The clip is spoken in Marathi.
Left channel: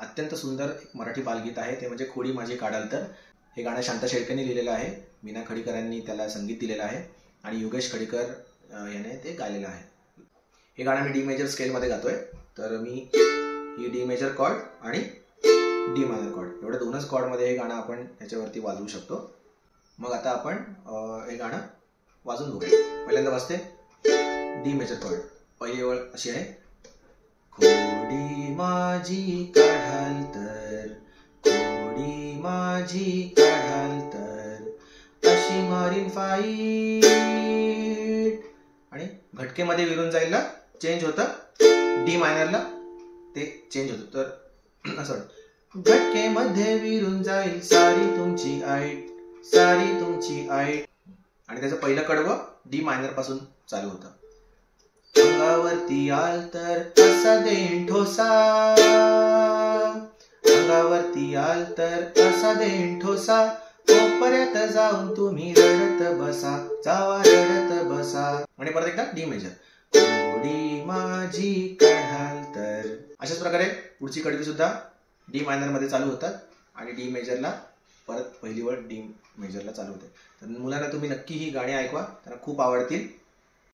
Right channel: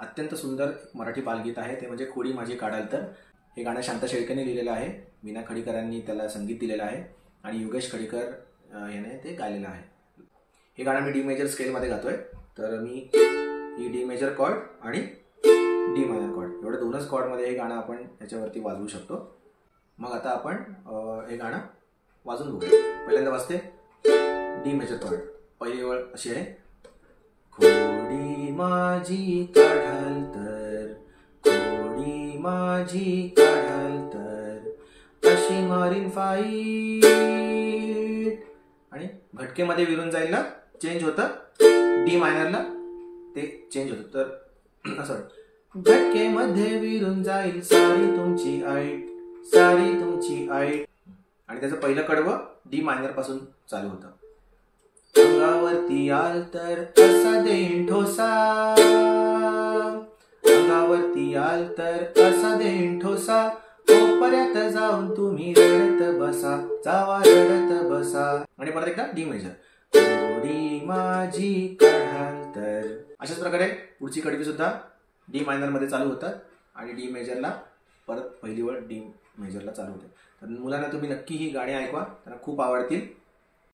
अत्यंत सुंदर मराठी बालगीत आहे, ते म्हणजे खोडी माझी काढाल तर. हे गाणं शांत शेळकेने लिहिलेलं आहे. मीना खडीकर यांनी त्याला संगीत दिलेलं आहे आणि योगेश खडीकर याने ते गायलेलं आहे. हे गाणं मी डी मेजर स्केलमध्ये गातोय. तर मी ही डी मेजर कॉर्ड आणि डी मायनर कॉर्ड एवढ्या दोनच कॉर्डमध्ये हे गाणं आपण त्याच्यावरती वाजवू शकतो. मग आता आपण हे गाणं वाजून बघूया. पहिल्यांदा वाजते डी मेजर कॉर्ड. पहिली ओळ अशी आहे, खोडी माझी काढाल तर, खोडी माझी काढाल तर, अशी मारीन फाईट. आणि घटकेमध्ये विरून जायला चेंज होतं, डी मायनरला ते चेंज होतं. तर असं घटकेमध्ये विरून जाईल सारी तुमची आईट, सारी तुमची आईट. आणि त्याचं पहिलं कडवं डी मायनर पासून चालू होतं. अंगावरती आल तर कसा देईन ठोसा, अंगावरती आल तर कसा देईन ठोसा, कोपऱ्यात जाऊन तुम्ही रडत बसा, जावा रडत बसा. आणि परत एकदा डी मेजर, खोडी माझी काढाल तर. अशाच प्रकारे पुढची कडवी सुद्धा डी मायनर मध्ये चालू होतात आणि डी मेजरला परत पहिली वेळ डी मेजरला चालू होते. तर मुलांना तुम्ही नक्की ही गाणी ऐकवा, त्यांना खूप आवडतील.